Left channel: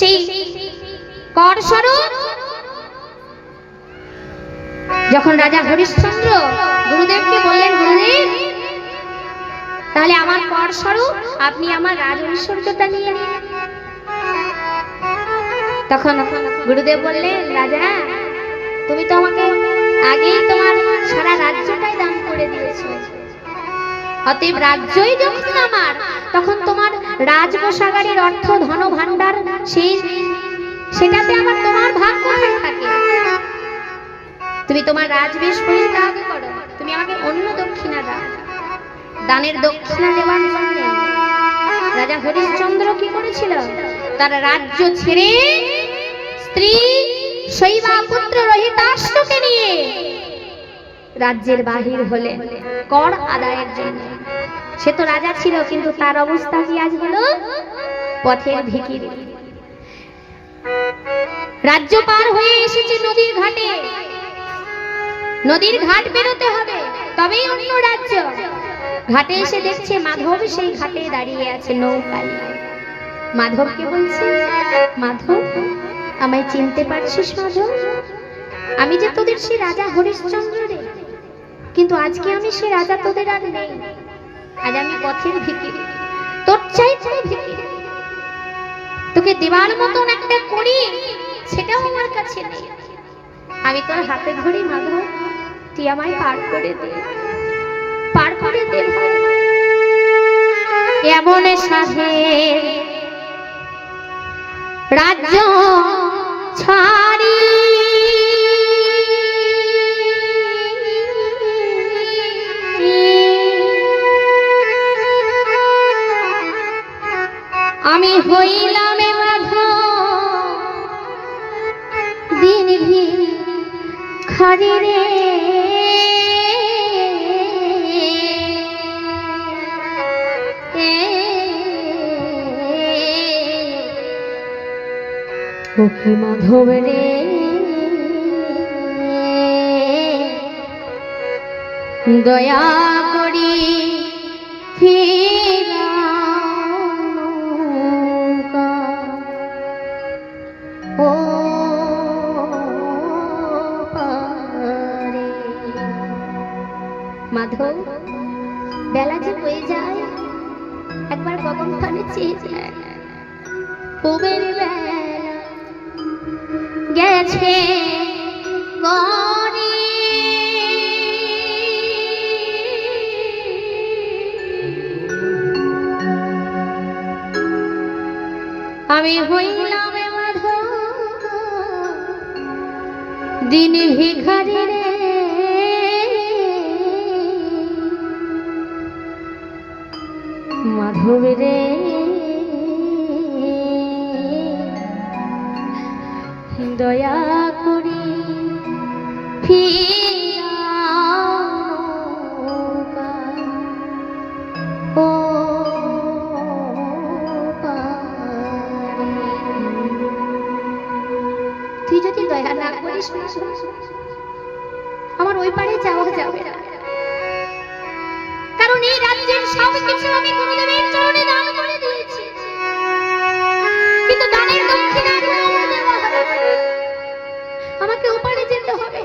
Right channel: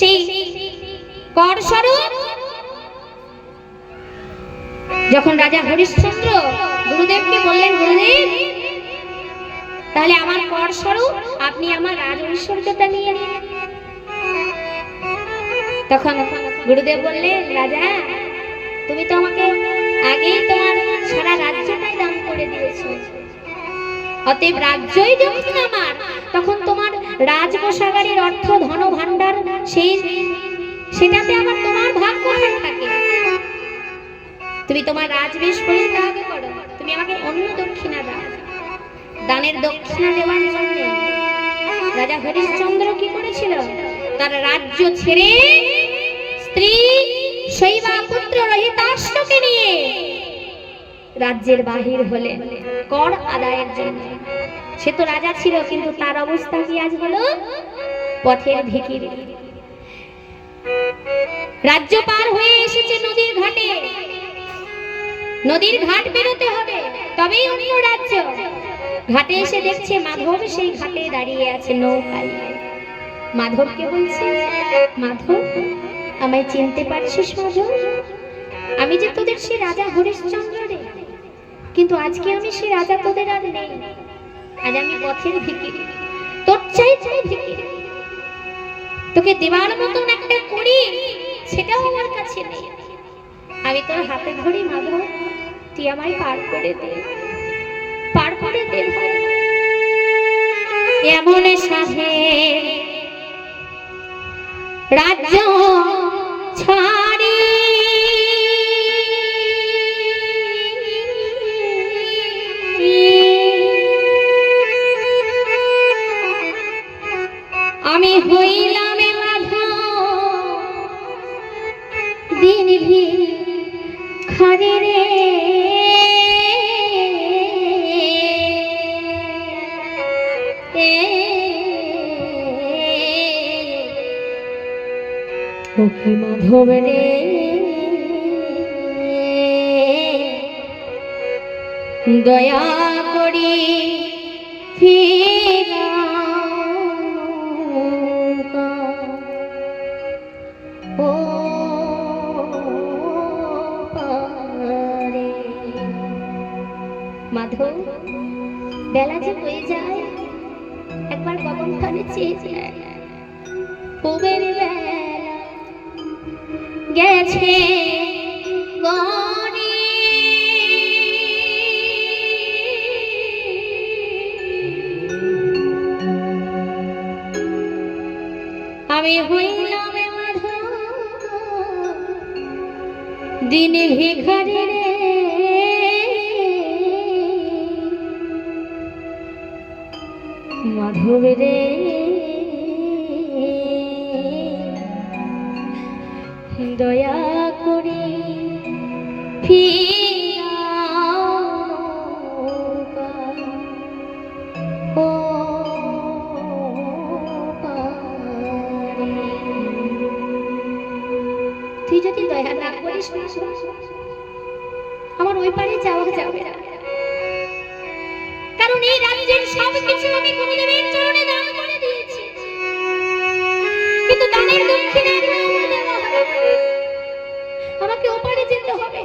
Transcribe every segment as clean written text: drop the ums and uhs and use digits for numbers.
সেই কর স্বরূপ যখন রাজা হরিশ্চন্দ্র গুরুদেবকে বললেন, গুরুদেব তাহলে আমার কর স্বরূপ আপনি আমার রাজ ঐশ্বর্যটা নিয়ে নিন। তখন গুরুদেব বললেন, রাজা তুমি তো আমাকে আগেই তোমার সারা রাজ্যটাই দান করে দিয়েছো, অতএব রাজ্যই যখন আমার, তখন তোমার রাজকোষাগারের অর্থ ধন ভাণ্ডার সেটাতে আমার তোমার ভাগ কোথায় থাকে? তুমি তোমার রাজবেশ পরিত্যাগ করো, তুমি আমাকে অন্য দক্ষিণা দাও। দানের দক্ষিণা দেওয়ার জন্য রাজা হরিশ্চন্দ্র কি করেছিল? তার রাজ্য ছেড়ে স্ত্রী শৈবা পুত্র রহিতাশ্বকে নিয়ে রাজ্যের বাহির হলেন কর আদায়ের জন্য। সে তো রাজা ছিল, কিন্তু তার অবস্থা কি আজ হলো? পথের ভিখিরি। রাজ্য পার হয়ে এসেছে নদীর ঘাটে, নদীর ঘাট বেরোতে হবে তবেই অন্য রাজ্য। ঘাটে এসে দেখছে মাধব সেই ঘাটে দাঁড়িয়ে আছে নৌকায়। মাধবকে বলছে, মাধব আমায় চিনতে পারছিস মাধব? আমি যে তোদের সে রাজা হরিশ্চন্দ্র রে, কিন্তু আজকে আমি সে রাজা তোদের আর নেই। আজ আমি পথের ভিখিরি, তোর চাইতে ভিখিরি। তোকে দেওয়ার মতন একটা করি সেটাও আমার কাছে নেই। আমি তোর হাতে ধরি মাধব, তুই আমায় পার করে দে, পার করে দে। এমন সাধে রাজ্য ছাড়ি আমি হইলাম মাধব দিন ভিখারি রে। ওকে মাধব রে, দয়া করি ও মাধব, বেলা যে হয়ে যায়, একবার গগন ফানে চেয়ে যায়। পুবের বেলা গেছে গনি, আমি হইলাম মাধব দিন ভিখারি রে। মাধব রে, দয়া করি ও তুই যদি দয়া না করিস আমার ওই পারে যাওয়া যাবে না। কারণ এই রাজ্যের সব কিছু আমি গুরুদেবের চরণে দান করে দিয়েছি, কিন্তু দানের দক্ষিণা আমাকে ওপারে যেতে হবে।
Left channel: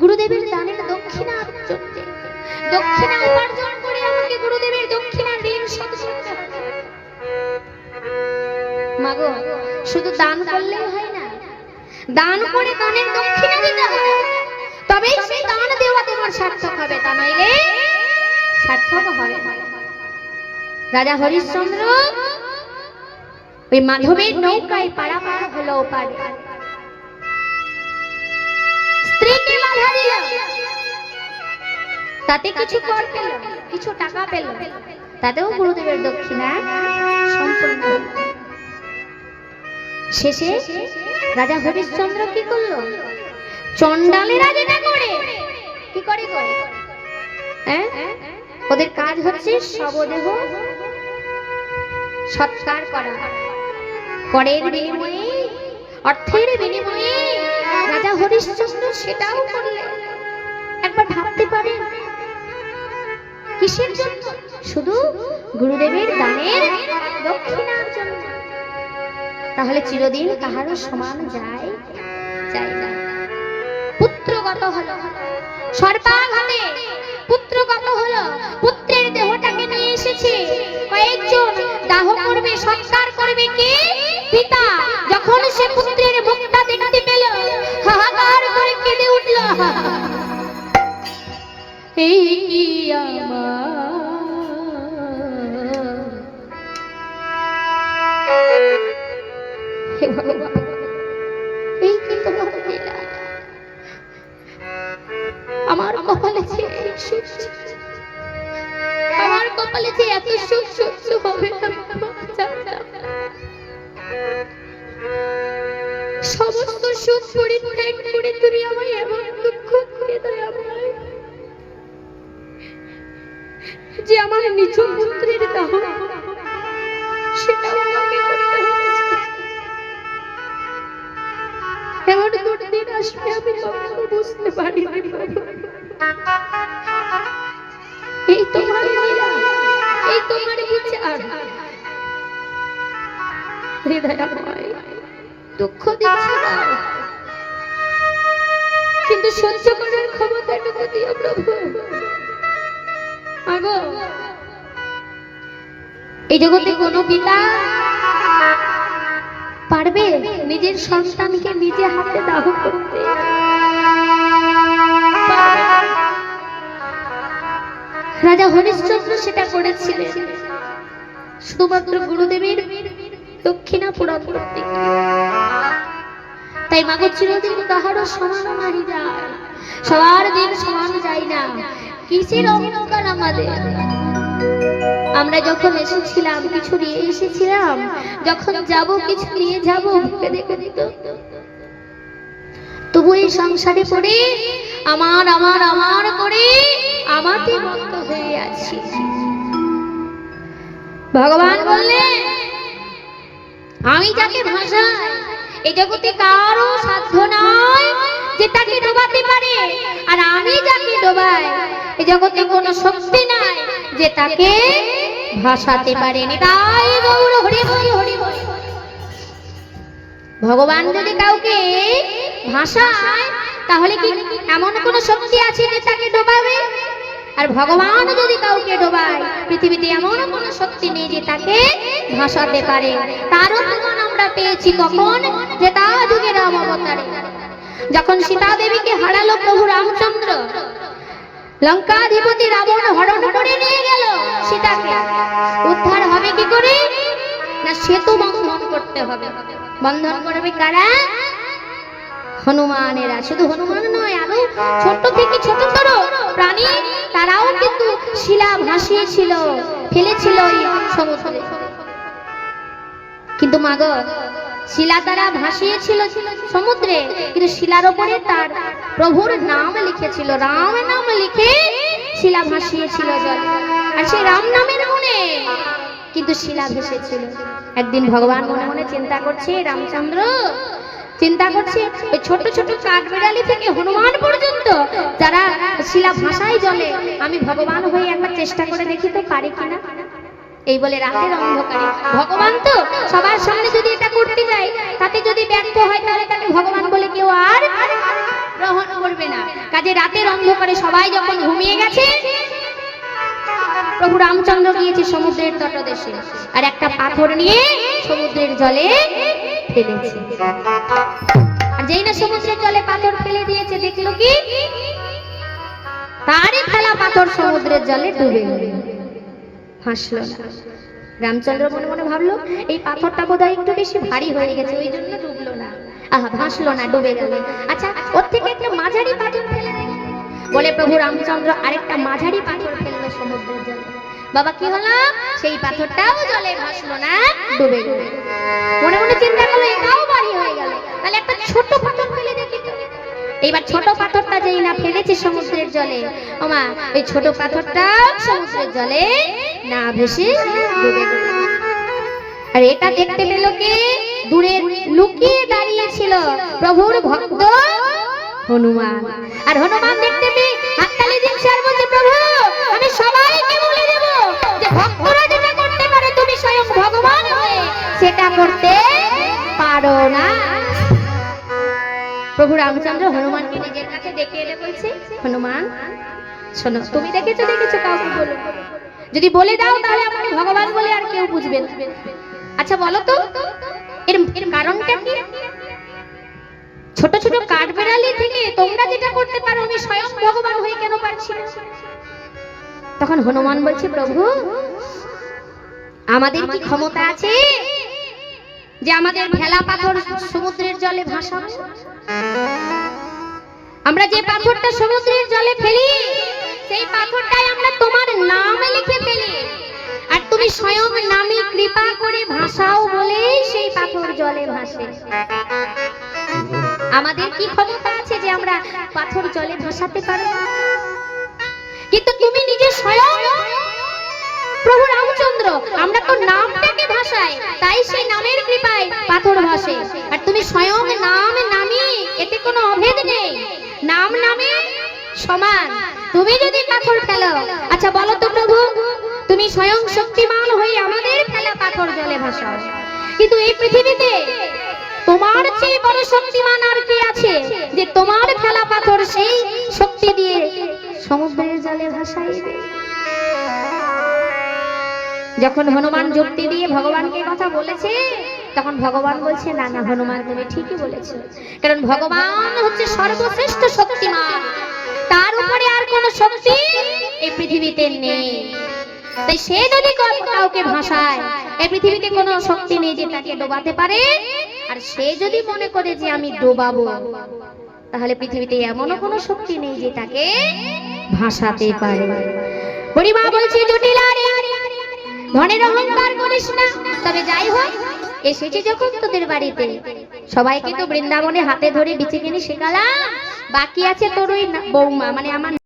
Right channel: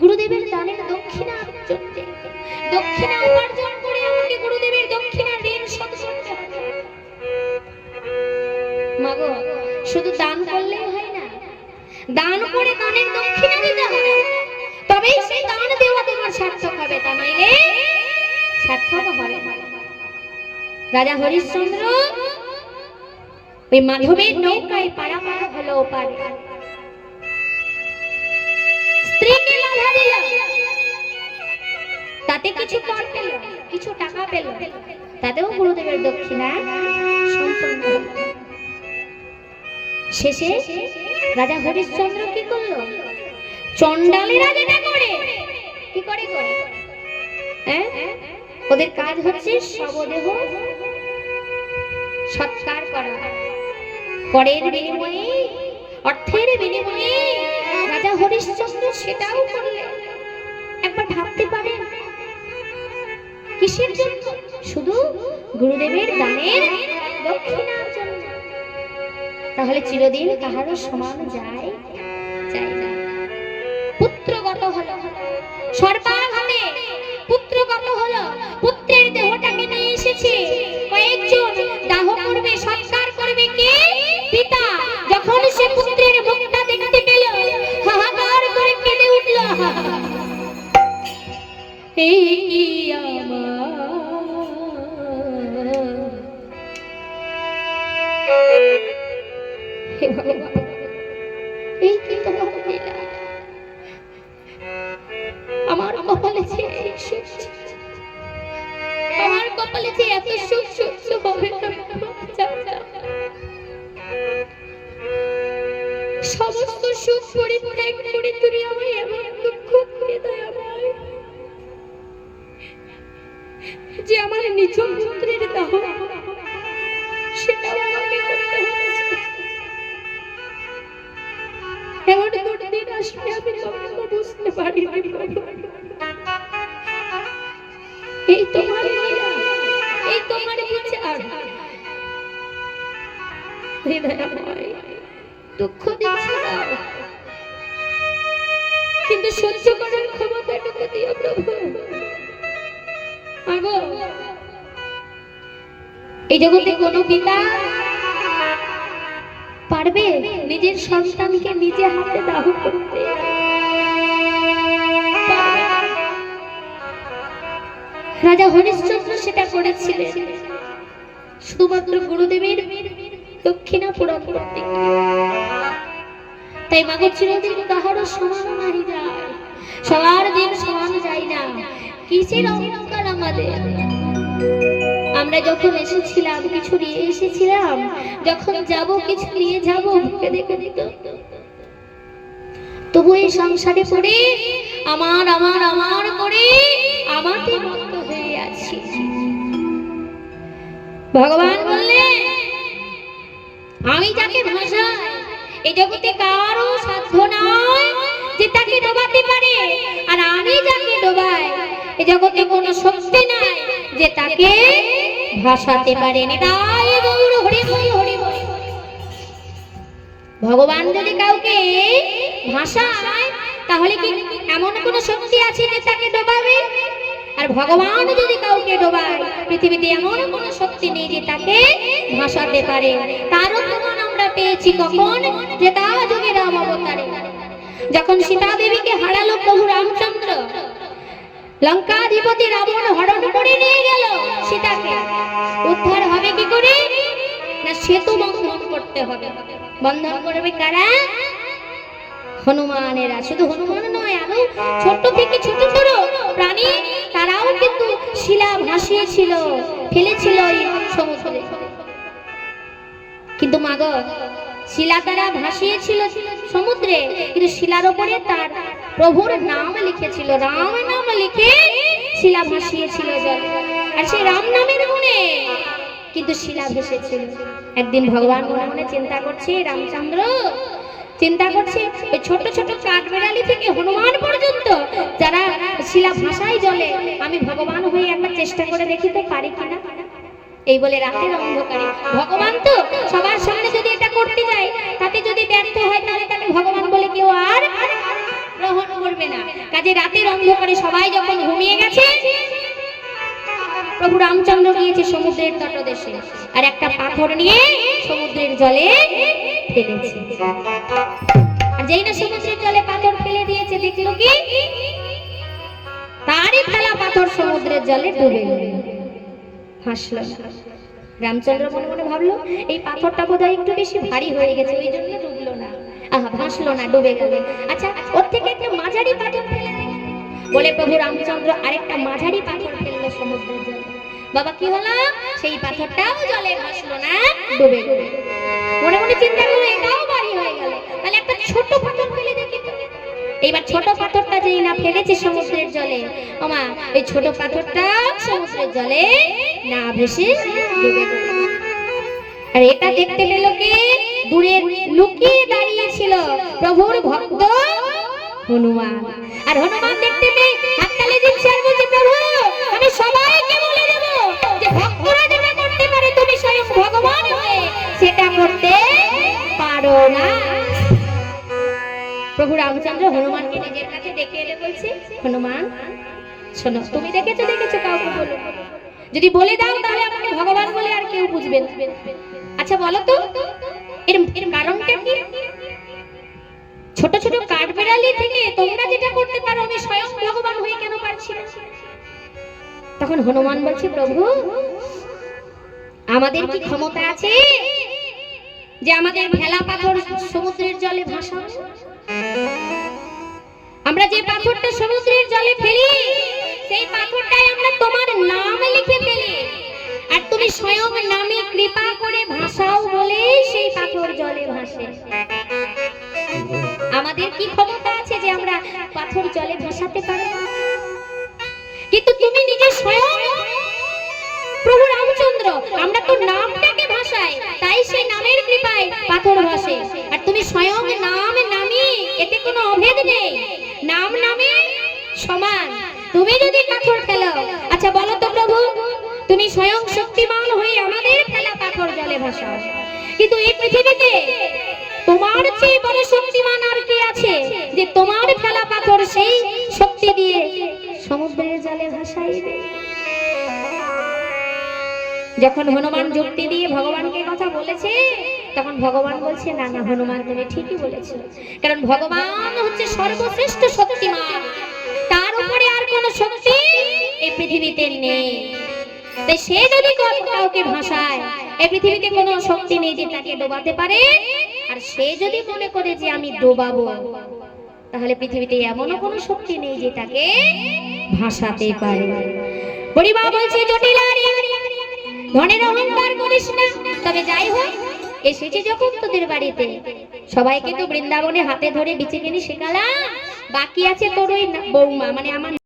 গুরুদেবের দানের দক্ষিণা দক্ষিণা উপার্জন করে আমাকে গুরুদেবের দক্ষিণা ঋণ শোধ করতে হবে। মাগো, শুধু দান করলে হয় না, দান করে দানের দক্ষিণা দিতে হবে, তবেই সেই দান দেওয়া তোমার সার্থক হবে, তা নইলে সার্থক হবে না। রাজা হরিশ্চন্দ্র ওই মাধবের নৌকায় পারাপার হলো ওপারে। স্ত্রীকে বাধা দিল, তাতে কিছু কর পেল, কিছু টাকা পেল, তাতেও গুরুদেবের দক্ষিণা সম্পূর্ণ হল। শেষে রাজা হরিশ্চন্দ্র কি করলো? চণ্ডালেরা যেটা করে, কি করে করে, ওদের কাজ হচ্ছে শবদেহ সৎকার করা। করের বিনিময়ে, অর্থের বিনিময়ে রাজা হরিশ্চন্দ্র সেটাও করলেন। একবার ভাবতে পারেন, কিসের জন্য? শুধু গুরুদেবের দানের দক্ষিণার জন্য। তাহলে চিরদিন কাহারও সমান যায় যায় না। পুত্রগত হলো, সর্বাঘাতে পুত্রগত হলো, পুত্রের দেহটাকে নিয়ে এসেছে, কয়েকজন দাহ করবে, সৎকার করবে কে? পিতা। যখন সে পুত্রের মুখটা দেখতে পেল, হাহাকার করে কেঁদে উঠল, এই কি আমার, এই কি তোমার লীলা, আমার কপালে যে সুখ, আমার কপালে যে এত সুখ সহ্য হবে না, সমস্ত সুখ পরিত্যাগ করে তুমি আমায় এমন দুঃখ দিয়ে দাও আমায়, যে আমার নিজ পুত্রের দাহ সেটাও আমাকে করতে হয়েছে। এমন দিন আসবে আমি কখনো বুঝতে পারিনি। এই তোমার লীলা, এই তোমার বিচার, হৃদয়ময় দুঃখ দিচ্ছে না, কিন্তু সহ্য করার ক্ষমতাটুকু দিও প্রভু। আগো এই জগতে কোনো পিতা পারবে নিজের সন্তানকে নিজে হাতে দাহ করতে? রাজা হরিশ্চন্দ্র সেটা করেছিলেন শুধুমাত্র গুরুদেবের দক্ষিণা পূরণ করতে। তাই মাগো চিরদিন কাহারও সমান নাই যায়, সবার দিন সমান যায় না। কিসের অহংকার আমাদের? আমরা যখন এসেছিলাম কিছু নিয়ে এসেছিলাম, যখন যাব কিছু নিয়ে যাব, ভেবে দেখে দিত। তবু এই সংসারে পড়ে আমার আমার আমার করে আমাতে মত্ত হয়ে আছি। ভগবান বললেন, আমি যাকে ভাসাই এই জগতে কারো সাধ্য নয় যে তাকে ডোবাতে পারে, আর আমি যাকে ডোবাই এই জগতে কোনো শক্তি নাই যে তাকে ভাসাতে পারে। তাই গৌর হরি বল হরি বল। ভগবান যদি কাউকে ভাসায় তাহলে কি এমন কোনো শক্তি আছে যে তাকে ডোবাবে? আর ভগবান যদি কাউকে ডোবায়, পৃথিবীতে এমন কোনো শক্তি নেই যে তাকে ভাসাতে পারে। তারও প্রমাণ আমরা পেয়েছি কখন? যে তা যুগে রাম অবতারে যখন সীতা দেবীকে হারালো প্রভু রামচন্দ্র, লঙ্কাধিপতি রাবণ হরণ করে নিয়ে গেল সীতাকে। উদ্ধার হবে কি করে? না সেতু বন্ধন করতে হবে। বন্ধন করবে কারা? হনুমানেরা। শুধু হনুমান নয়, আরো ছোট থেকে ছোটতর প্রাণী তারাও কিন্তু শিলা ভাসিয়েছিল, ফেলেছিল এই সমুদ্রে। কিন্তু মাগো শিলা তারা ভাসিয়েছিল সমুদ্রে, কিন্তু শিলার উপরে তার প্রভুর নাম লিখেছিল, রাম নাম লিখে শিলা ভাসিয়েছিল জলে। আর সেই রাম নামের গুণে কিন্তু শিলা ভেসেছিল। একদিন ভগবান মনে মনে চিন্তা করছে, রামচন্দ্র চিন্তা করছে ওই ছোট ছোট কাঠবেড়ালি থেকে হনুমান পর্যন্ত যারা শিলা ভাসায় জলে, আমি ভগবান হয়ে একবার চেষ্টা করে দেখি তো পারি কিনা। এই বলে রাতের অন্ধকারে, ভগবান তো সবার সামনে যদি এটা করতে যায় তাতে যদি ব্যর্থ হয় তাহলে তাকে ভগবান বলে কেউ আর গ্রহণ করবে না। কাজে রাতের অন্ধকারে সবাই যখন ঘুমিয়ে গেছে, প্রভু রামচন্দ্র গিয়েছে সমুদ্রের তটদেশে, আর একটা পাথর নিয়ে সমুদ্রের জলে ফেলেছে। আর যেই না সমুদ্রের জলে পাথর ফেলে দিয়েছে, দেখলো কি তারই ফেলা পাথর সমুদ্রের জলে ডুবে গেল, ভাসলো না। রামচন্দ্র মনে মনে ভাবলো এই পাথরটা বোধহয় একটু বেশি ভারী হয়ে গেছে, ওই জন্য ডুবলো না, ভাসলো না, ডুবে গেল। আচ্ছা ওর থেকে একটা মাঝারি পাথর ফেলে বলে প্রভু রামচন্দ্র আরেকটা মাঝারি পাথর ফেললো সমুদ্রের জলে। বাবা কি হলো? সেই পাথরটাও জলে ভাসলো না, ডুবে গেল। মনে মনে চিন্তা করলো এটাও ভারী হয়ে গেল, তাহলে একটা ছোট পাথর ফেলে দেখি তো। এইবার ছোট পাথরটা যেই না ফেলেছে সমুদ্রের জলে, ওমা ওই ছোট পাথরটা সমুদ্রের জলে না ভেসে ডুবে গেল। আর এটা দেখতে পেল কে? দূরে লুকিয়ে দাঁড়িয়ে ছিল প্রভুর ভক্ত হনুমান। আর হনুমান দেখতে পেয়ে হাততালি দিচ্ছে আর বলছে, প্রভু আমি সবাইকে বলে দেব যে ভক্তরা যেটা করতে পারে তুমি স্বয়ং ভগবান হয়ে সেটা করতে প্রভু রামচন্দ্র হনুমানকে নিজের কাছে ডেকে এনে বলছে, হনুমান শোনো, তুমি দেখেছো কাউকে বলো, যদি বলে দাও তাহলে আমাকে ভগবান বলে আর কেউ বুঝবে না। আচ্ছা বলো তো এর কারণটা কি? ছোট ছোট কাঠবেড়ালি থেকে তোমরা যেটা করতে পারো আমি স্বয়ং ভগবান হয়ে কেন পারছি না? তখন হনুমান বলছে, প্রভু আমাদের কি ক্ষমতা আছে যে আমাদের ভেলা পাথর সমুদ্রের জলে ভাসাবো? আমরা যে পাথরটা সমুদ্রের জলে ফেলি সেই পাথরটাই আমরা তোমার নাম লিখে ফেলি, আর তুমি স্বয়ং নামে কৃপা করে ভাসাও বলে সেই পাথর জলে ভাসে। আমাদের কি ক্ষমতা আছে যে আমরা পাথর জলে ভাসাতে পারি? কিন্তু তুমি নিজে স্বয়ং প্রভু রামচন্দ্র, আমরা তো নামটাকে ভাসাই, তাই সেই নামের কৃপায় পাথর ভাসে, আর তুমি স্বয়ং নাম নামি, এতে কোনো অভেদ নেই, নাম নামে সমান। তুমি যদি পাথর ফেলো, আচ্ছা বলো তো প্রভু, তুমি স্বয়ং শক্তিমান হয়ে আমাদের ফেলা পাথর জলে ভাসাও, কিন্তু এই পৃথিবীতে তোমার চেয়ে বড় শক্তিমান আর কি আছে যে তোমার ফেলা পাথর সেই শক্তি দিয়ে সমুদ্রের জলে ভাসাইবে? যখন হনুমান যুক্তি দিয়ে ভগবানকে কথা বলেছে, তখন ভগবান বলছে, না না হনুমান তুমি ঠিকই বলেছো, কারণ ভগবান হচ্ছে সর্বশ্রেষ্ঠ শক্তিমান, তার উপরে আর কোনো শক্তি এই পৃথিবীতে নেই। তাই সে যদি কাউকে ভাসায়, এই পৃথিবীতে কোনো শক্তি নেই যে তাকে ডোবাতে পারে, আর সে যদি মনে করে যে আমি ডোবাবো, তাহলে পৃথিবীতে এমনও কোনো শক্তি নেই যে তাকে ভাসাতে পারে। বুড়িমা বলছে, জটিলারে ধনের অহংকার করিস না। তবে যাই হোক, এসেছি যখন তোদের বাড়িতে, সবাইকে তো বৃন্দাবনে হাতে ধরে বিচে কিনে শেখালাম, বাকি আছে তোর ওই বৌমা, মানে আমার